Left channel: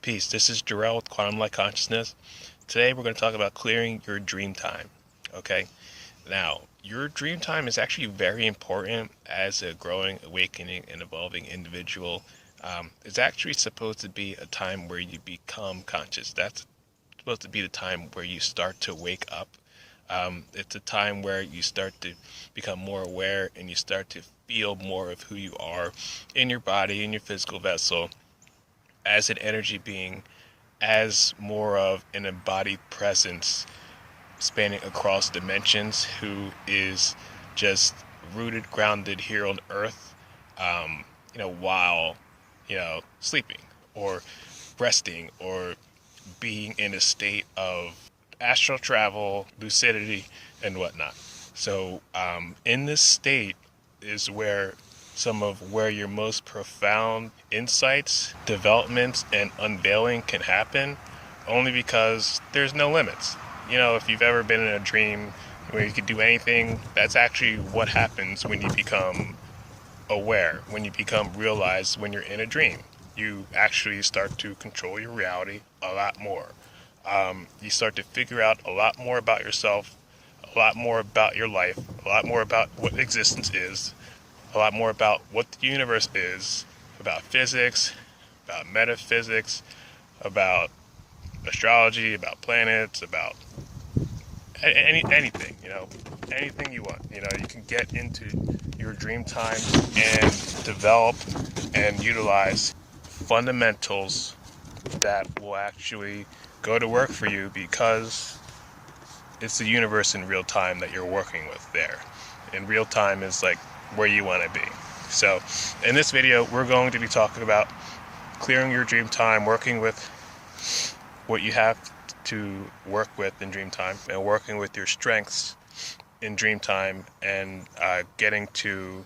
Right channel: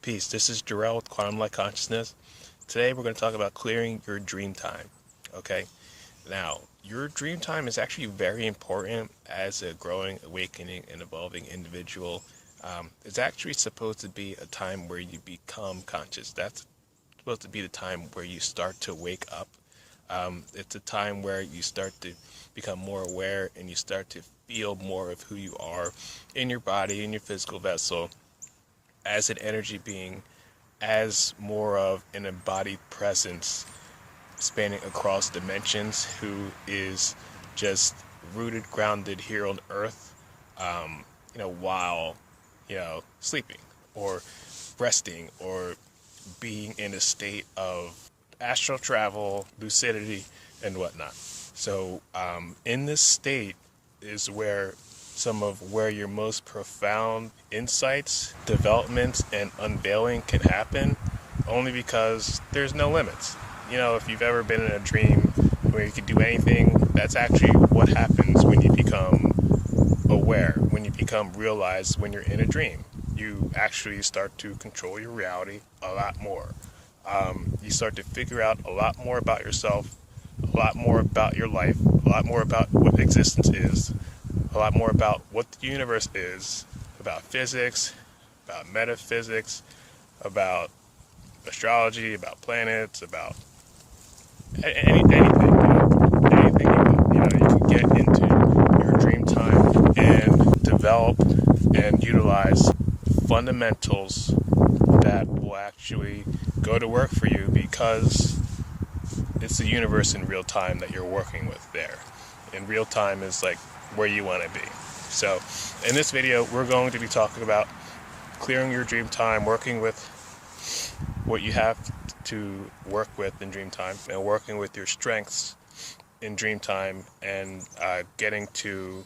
Peace, this is Jarrell with Quantum Light Consciousness. Today we're going to talk about clearing your dream time. Okay, now your dream time is actually very important as a growing, awakening, and evolving individual. It's actually supposed to be a time where you become conscious. That's supposed to be the time where you start to wake up. It's a time where you start to become more aware and you start to feel more of who you are in your body, in your physical vessel, as an energy being, as more of an embodied presence spanning across dimensions, who is just rooted, grounded here on earth, while, sleeping or resting or being in a state of astral travel, lucidity, and whatnot. So in this state is where some of your most profound insights, developments, and unveiling can happen, only because there's no limits. If you've ever been in a dream where you could do anything, that's actually what happens when you become aware, when you become realized when you're in a dream. You actually start to control your reality a lot more. You start to figure out a lot more about yourself, a lot more about your life, a lot more about what existence is, a lot more about what the universe is, about physics, about metaphysics, about astrology, about planets, about anything. Anything you can get into your dream time and develop and utilize fundamentals that will actually go to work for you, because it's the universe in real time that you're working with there. And real time is like where you want to be. So in this video, we're going to be talking about clearing your dream time, working with what you have to work with in dream time, and working with your strengths in dream time, and getting to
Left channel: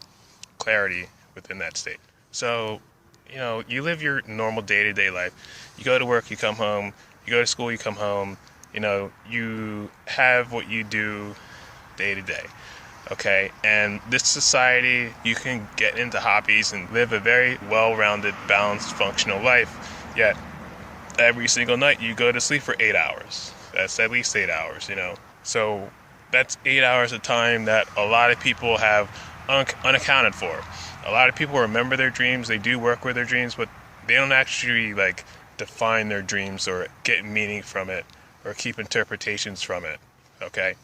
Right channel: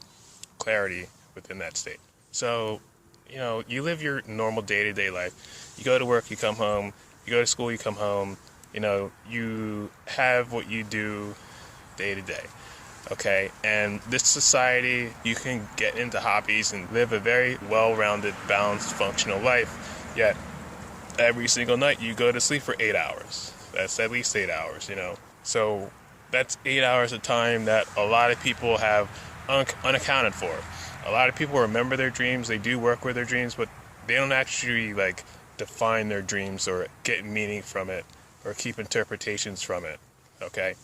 clarity within that state. So, you live your normal day-to-day life. You go to work, you come home. You go to school, you come home. You have what you do day to day. Okay, and this society, you can get into hobbies and live a very well-rounded, balanced, functional life, yet every single night you go to sleep for 8 hours. That's at least 8 hours, So that's 8 hours of time that a lot of people have unaccounted for. A lot of people remember their dreams, they do work with their dreams, but they don't actually define their dreams or get meaning from it or keep interpretations from it. Okay?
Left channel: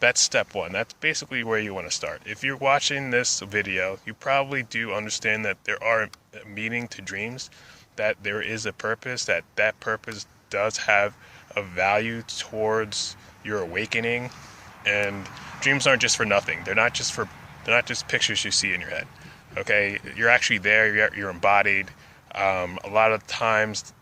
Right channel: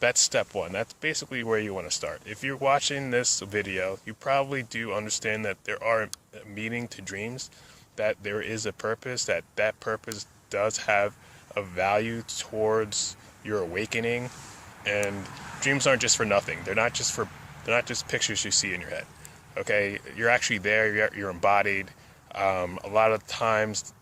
That's step one. That's basically where you want to start. If you're watching this video, you probably do understand that there are a meaning to dreams, that there is a purpose, that purpose does have a value towards your awakening. And dreams aren't just for nothing. They're not just pictures you see in your head. Okay? You're actually there. You're embodied. A lot of times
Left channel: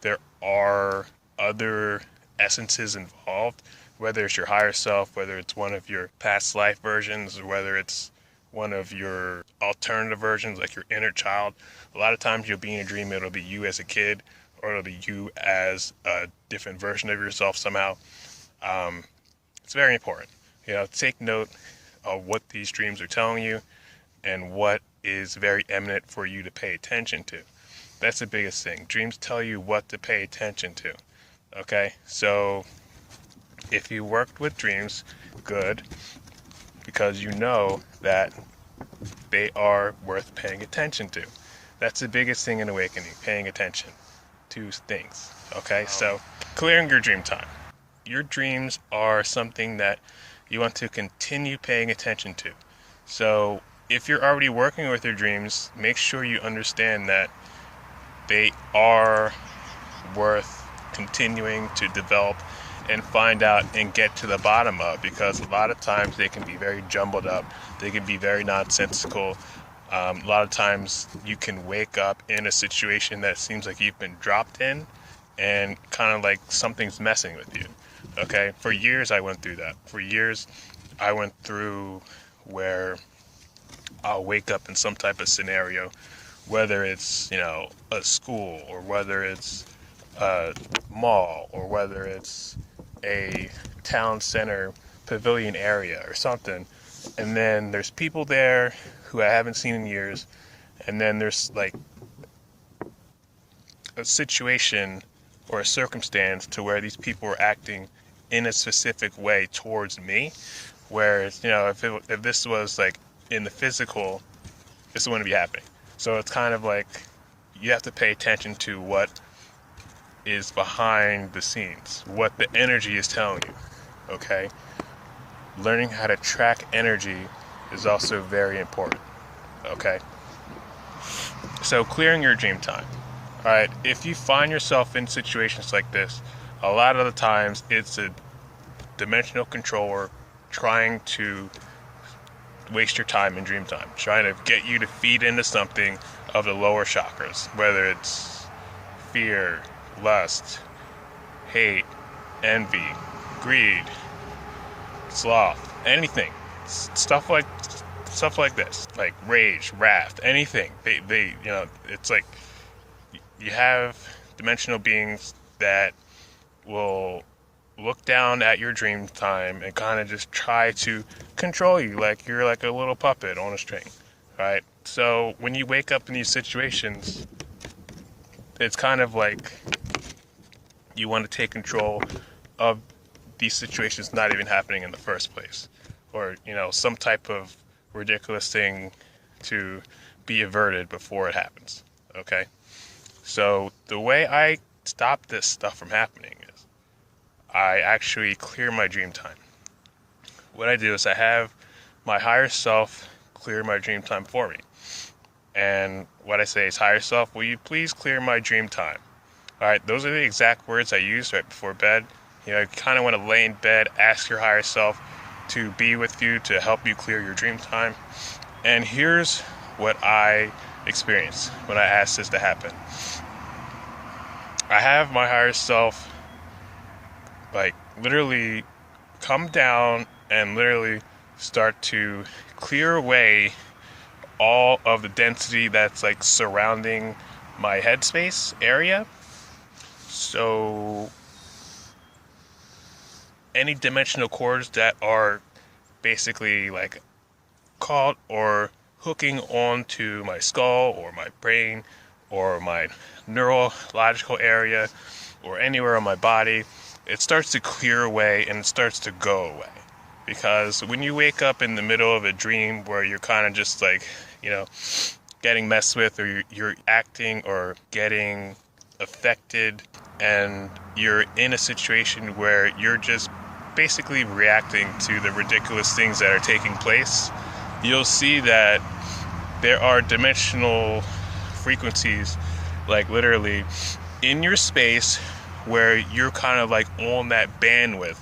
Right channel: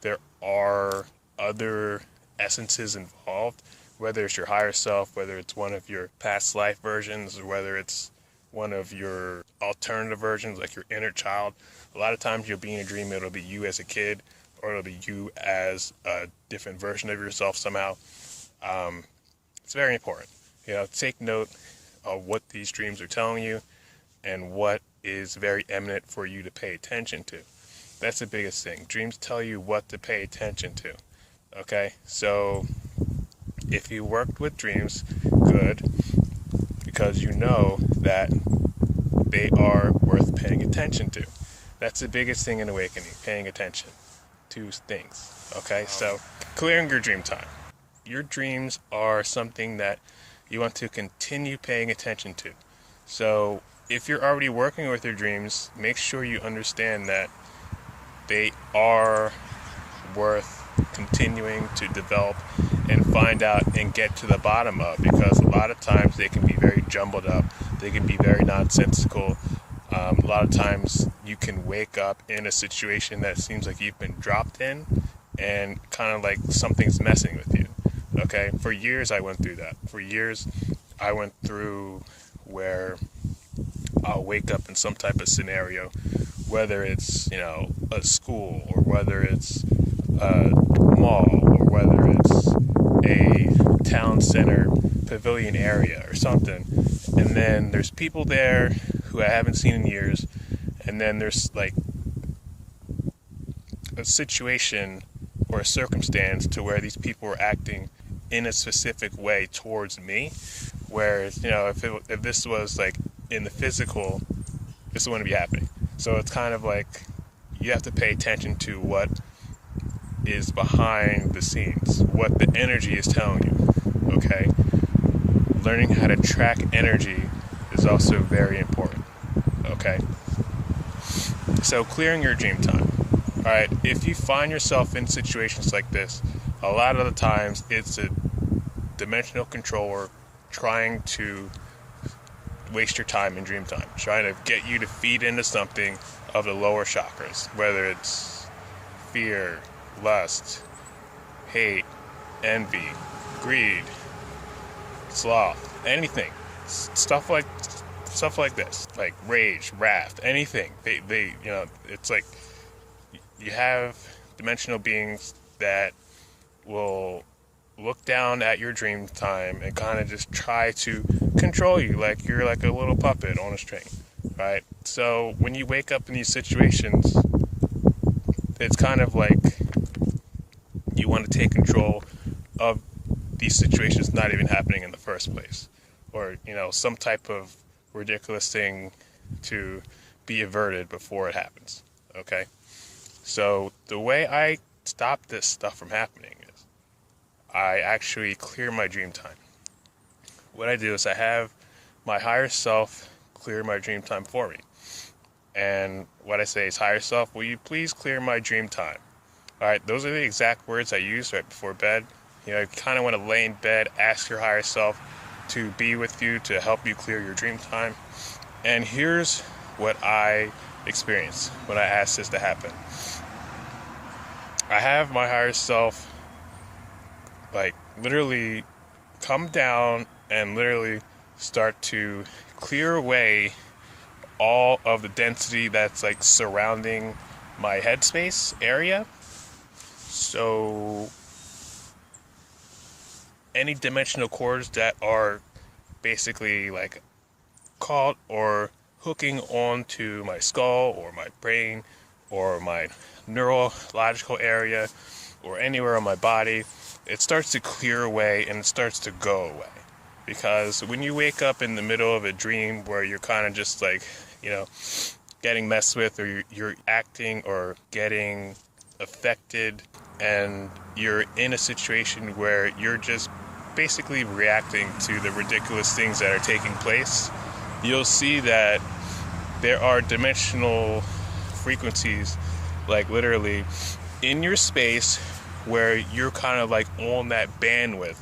there are other essences involved, whether it's your higher self, whether it's one of your past life versions, or whether it's one of your alternative versions, like your inner child. A lot of times you'll be in a dream, it'll be you as a kid, or it'll be you as a different version of yourself somehow. It's very important. Take note of what these dreams are telling you and what is very eminent for you to pay attention to. That's the biggest thing. Dreams tell you what to pay attention to. Okay, so if you worked with dreams, good, because you know that they are worth paying attention to. That's the biggest thing in awakening, paying attention to things. Okay, so clearing your dream time. Your dreams are something that you want to continue paying attention to. So if you're already working with your dreams, make sure you understand that they are worth continuing to develop and find out and get to the bottom of, because a lot of times they can be very jumbled up, they can be very nonsensical. A lot of times you can wake up in a situation that seems like you've been dropped in and kind of like something's messing with you. Okay, for years I went through that. For years I went through where I'll wake up in some type of scenario, whether it's, a school, or whether it's a mall, or whether it's a town center pavilion area or something. And then there's people there who I haven't seen in years. And then there's like a situation or a circumstance to where these people are acting in a specific way towards me, whereas, if this was like in the physical, this wouldn't be happening. So it's kind of like you have to pay attention to what is behind the scenes, what the energy is telling you. Okay, learning how to track energy is also very important. Okay, so clearing your dream time. All right, if you find yourself in situations like this, a lot of the times it's a dimensional controller trying to waste your time in dream time, trying to get you to feed into something of the lower chakras, whether it's fear, lust, hate, envy, greed, sloth, anything, stuff like this, like rage, wrath, anything. They it's like you have dimensional beings that will look down at your dream time and kind of just try to control you like you're like a little puppet on a string, right? So when you wake up in these situations, it's kind of like you want to take control of these situations not even happening in the first place, or some type of ridiculous thing to be averted before it happens. Okay, so the way I stop this stuff from happening is I actually clear my dream time. What I do is I have my higher self clear my dream time for me. And what I say is, higher self, will you please clear my dream time? All right, those are the exact words I use right before bed. You kind of want to lay in bed, ask your higher self to be with you, to help you clear your dream time. And here's what I experience when I ask this to happen. I have my higher self like literally come down and literally start to clear away all of the density that's like surrounding my headspace area. So any dimensional cords that are basically like caught or hooking onto my skull or my brain or my neurological area or anywhere on my body, it starts to clear away and it starts to go away. Because when you wake up in the middle of a dream where you're kind of just like, getting messed with, or you're acting or getting affected, and you're in a situation where you're just basically reacting to the ridiculous things that are taking place, you'll see that there are dimensional frequencies, like literally in your space, where you're kind of like on that bandwidth,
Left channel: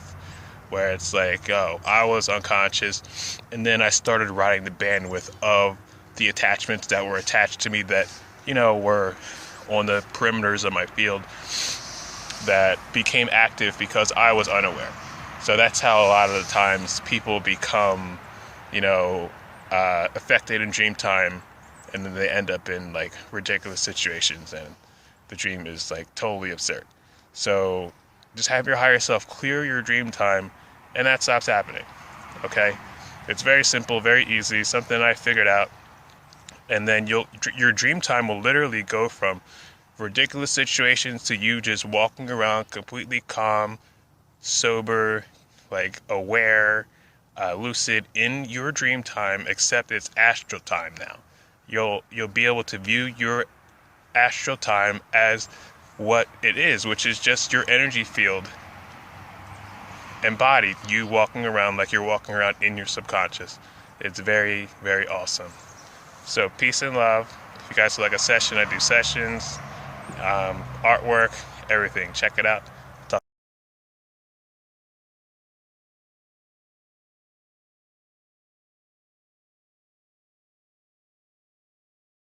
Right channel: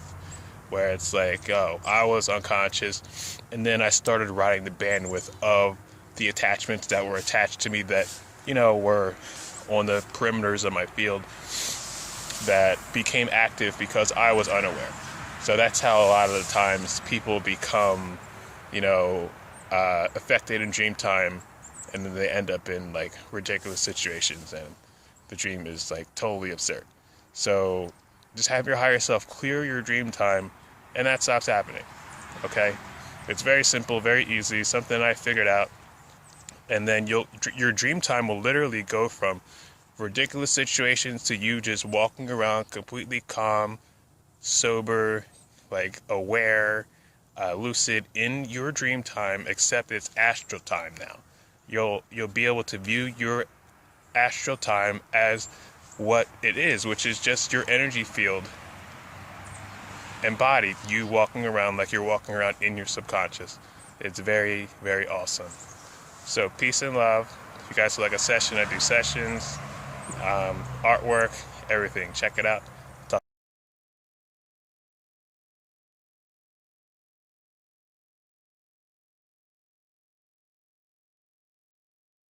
where it's like, oh, I was unconscious, and then I started riding the bandwidth of the attachments that were attached to me that, were on the perimeters of my field that became active because I was unaware. So that's how a lot of the times people become, affected in dream time, and then they end up in like ridiculous situations, and the dream is like totally absurd. So just have your higher self clear your dream time, and that stops happening. Okay? It's very simple, very easy, something I figured out. And then your dream time will literally go from ridiculous situations to you just walking around completely calm, sober, like aware, lucid in your dream time, except it's astral time now. You'll be able to view your astral time as what it is, which is just your energy field embodied, you walking around like you're walking around in your subconscious. It's very, very awesome. So peace and love. If you guys would like a session, I do sessions, artwork, everything. Check it out.